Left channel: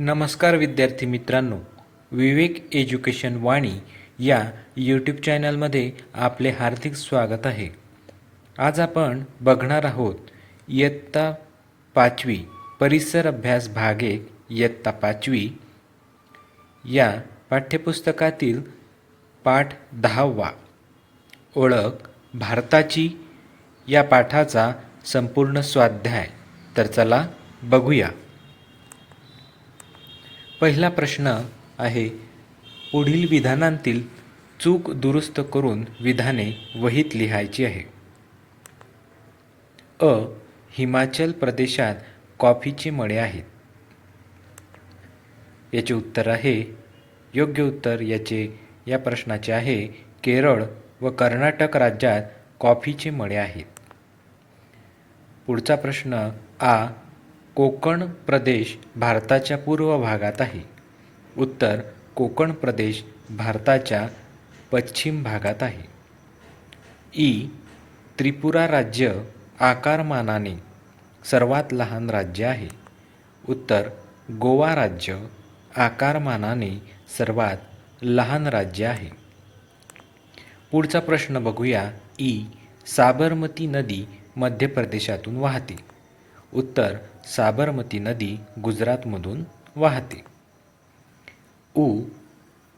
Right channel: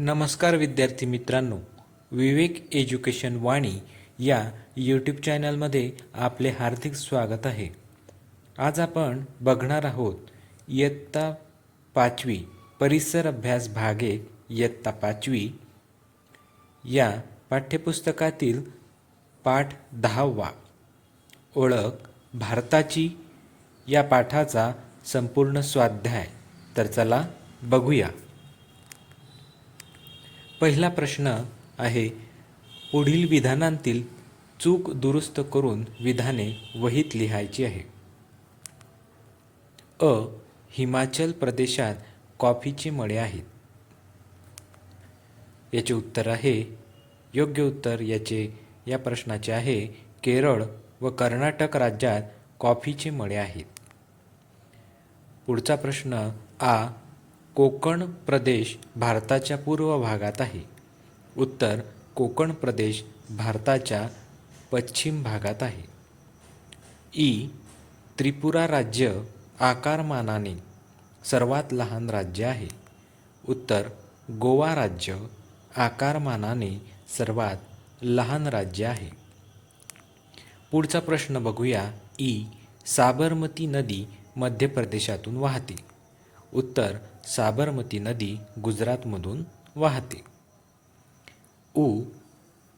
नमस्कार विद्यार्थी मित्रांनो विवेक एज्युकेशन वाणी या यूट्यूब चॅनलमध्ये आपले हार्दिक स्वागत आहे. आज आपण बघणार आहोत इयत्ता पाचवी परिसर अभ्यास भागे इयत्ता पाचवी या पाठ्यपुस्तकातील पाठ दहावा. ओळख भारताची या पाठाचा संपूर्ण स्वाध्याय. तर चला बघूया. पहिला प्रश्न आहे पुढील विधानांतील चूक दुरुस्त करून विधाने वहीत लिहायची आहे. अ हिमाचल प्रदेशात कॉफीचे मळे आहेत. याचे उत्तर आहे योग्य उत्तर याचे या प्रश्नाचे आहे केरळ व कर्नाटक राज्यात कॉफीचे मळे आहेत. पुढचा प्रश्न आ कोकण प्रदेश भारताच्या पूर्व भागात आहे. उत्तर कोकण प्रदेश भारताच्या पश्चिम भागात आहे. ई. त्रिपुरा राज्य आकारमानाने सर्वात लहान राज्य आहे. उत्तर गोवा राज्य आकारमानाने सर्वात लहान राज्य आहे. पुढचा प्रश्न बघूया. ई. साबरमती नदी मध्य प्रदेशातून वाहते. उत्तर साबरमती नदी गुजरातमधून वाहते. उ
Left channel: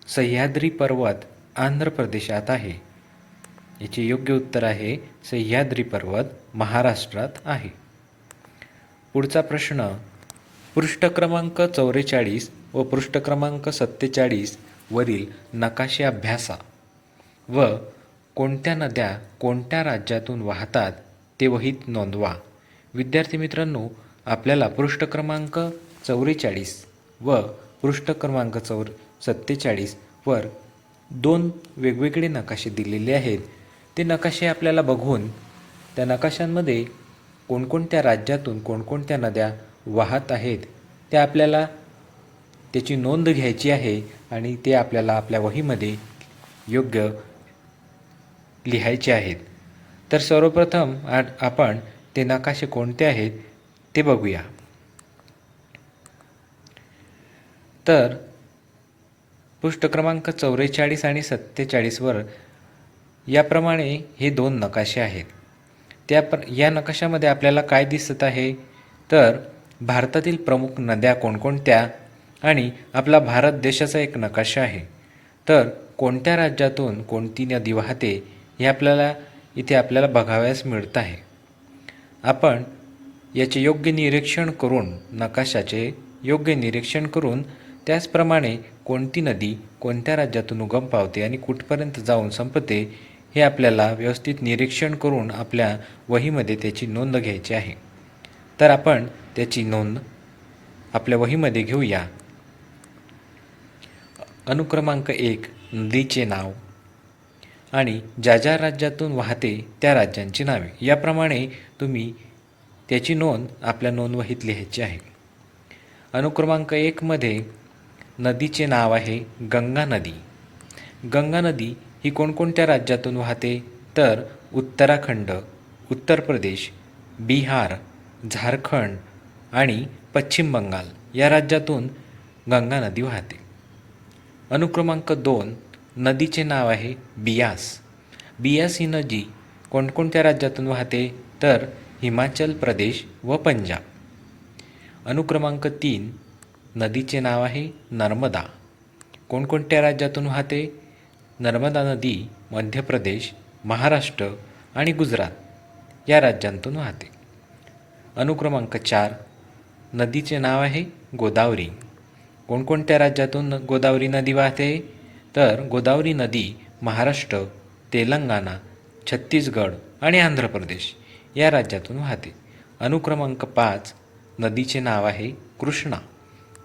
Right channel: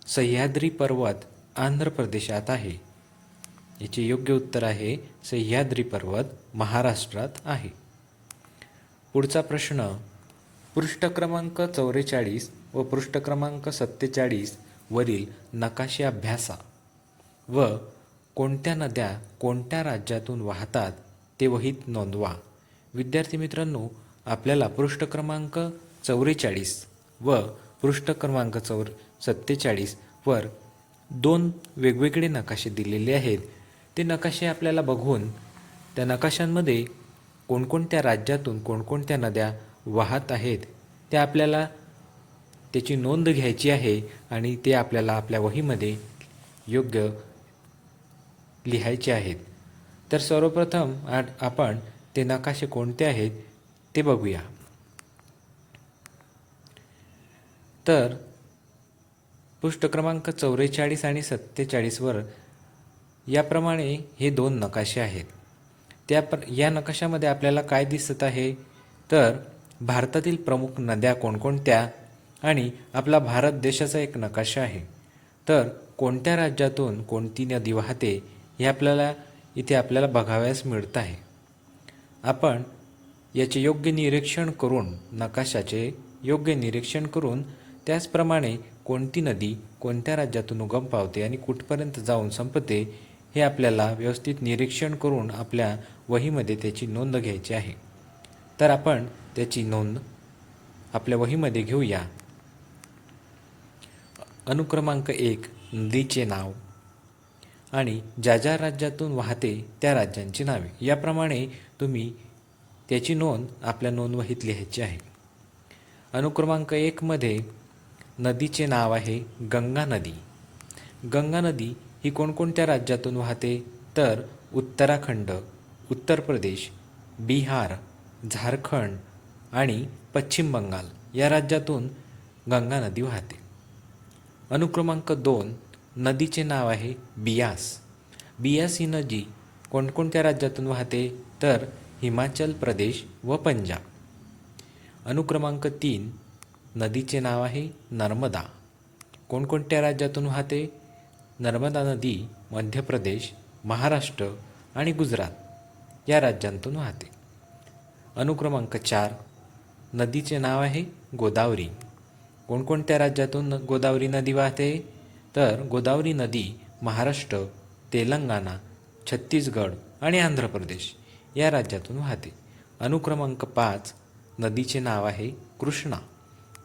सह्याद्री पर्वत आंध्र प्रदेशात आहे. याचे योग्य उत्तर आहे सह्याद्री पर्वत महाराष्ट्रात आहे. पुढचा प्रश्न पृष्ठ क्रमांक चौवेचाळीस व पृष्ठ क्रमांक सत्तेचाळीस वरील नकाशे अभ्यासा व कोणत्या नद्या कोणत्या राज्यातून वाहतात ते वहीत नोंदवा. विद्यार्थी मित्रांनो आपल्याला पृष्ठ क्रमांक चौवेचाळीस व पृष्ठ क्रमांक चौर सत्तेचाळीस वर दोन वेगवेगळे नकाशे दिलेले आहेत. ते नकाशे आपल्याला बघून त्या नकाशांमध्ये कोणकोणत्या राज्यातून कोणकोणत्या नद्या वाहत आहेत ते आपल्याला त्याची नोंद घ्यायची आहे आणि ते आपल्याला आपल्या वहीमध्ये योग्य लिहायचे आहेत. तर सर्वप्रथम आ आपण ते नकाशे कोणते आहेत ते बघूया. तर पृष्ठ क्रमांक चौवेचाळीस आणि सत्तेचाळीसवर याप्रमाणे हे दोन नकाशे आहेत. त्या प्र या नकाशामध्ये आपल्याला काय दिसत आहे? तर भारतातील प्रमुख नद्या कोणकोणत्या आणि आपला भारत देशाचा एक नकाशा आहे. तर कोणत्या राज्यातून कोणती नदी वाहते हे आपल्याला इथे आपल्याला बघावयास मिळत आहे. आपण याचे योग्य निरीक्षण करून नकाशाचे योग्य निरीक्षण करून त्याचप्रमाणे कोणती नदी कोणत्या राज्यातून उगम पावते आणि कुठपर्यंत जाऊन संपते हे आपल्याला व्यवस्थित निरीक्षण करून आपल्या वहीमध्ये त्याची नोंद घ्यायची आहे. तर आपण त्याची नोंद आपल्या वहीमध्ये घेऊया. अनुक्रमांक एक नदीचे नाव आणि ज्या ज्या राज्यातून वाहते त्या राज्यांची नावे. याप्रमाणे तुम्ही त्याची नोंद आपल्या नोंदवहीत लिहायची आहे. अनुक्रमांक एकमध्ये नदीचे नाव आहे गंगा नदी. गंगा नदी ही कोणकोणत्या राज्यातून वाहते? तर उत्तराखंड उत्तर प्रदेश बिहार झारखंड आणि पश्चिम बंगाल या राज्यातून गंगा नदी वाहते. अनुक्रमांक दोन नदीचे नाव आहे बियास. बियास ही नदी कोणकोणत्या राज्यातून वाहते? तर हिमाचल प्रदेश व पंजाब. अनुक्रमांक तीन नदीचे नाव आहे नर्मदा. कोणकोणत्या राज्यातून वाहते? नर्मदा नदी मध्य प्रदेश महाराष्ट्र आणि गुजरात या राज्यांतून वाहते. अनुक्रमांक चार नदीचे नाव आहे गोदावरी. कोणकोणत्या राज्यातून गोदावरी नदी वाहते? तर गोदावरी नदी महाराष्ट्र तेलंगणा छत्तीसगड आणि आंध्र प्रदेश. या राज्यातून वाहते. अनुक्रमांक पाच नदीचे नाव आहे कृष्णा.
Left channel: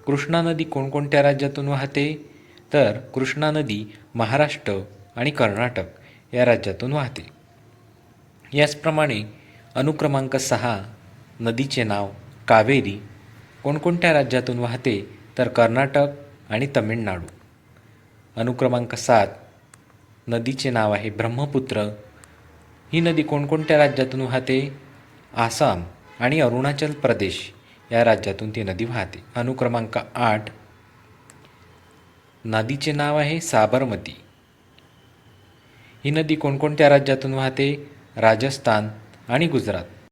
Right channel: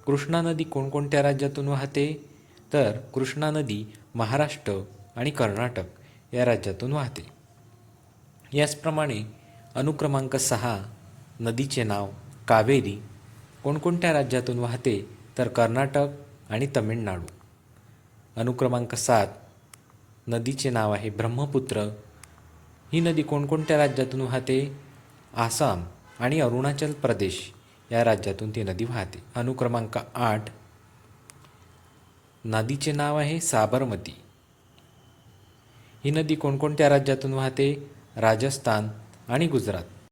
कृष्णा नदी कोणकोणत्या राज्यातून वाहते? तर कृष्णा नदी महाराष्ट्र आणि कर्नाटक या राज्यातून वाहते. याचप्रमाणे अनुक्रमांक सहा नदीचे नाव कावेरी. कोणकोणत्या राज्यातून वाहते? तर कर्नाटक आणि तमिळनाडू. अनुक्रमांक सात नदीचे नाव आहे ब्रह्मपुत्र ही नदी कोणकोणत्या राज्यातून वाहते? आसाम आणि अरुणाचल प्रदेश या राज्यातून ती नदी वाहते. अनुक्रमांक आठ. नदीचे नाव आहे साबरमती. ही नदी कोणकोणत्या राज्यातून वाहते? राजस्थान आणि गुजरात.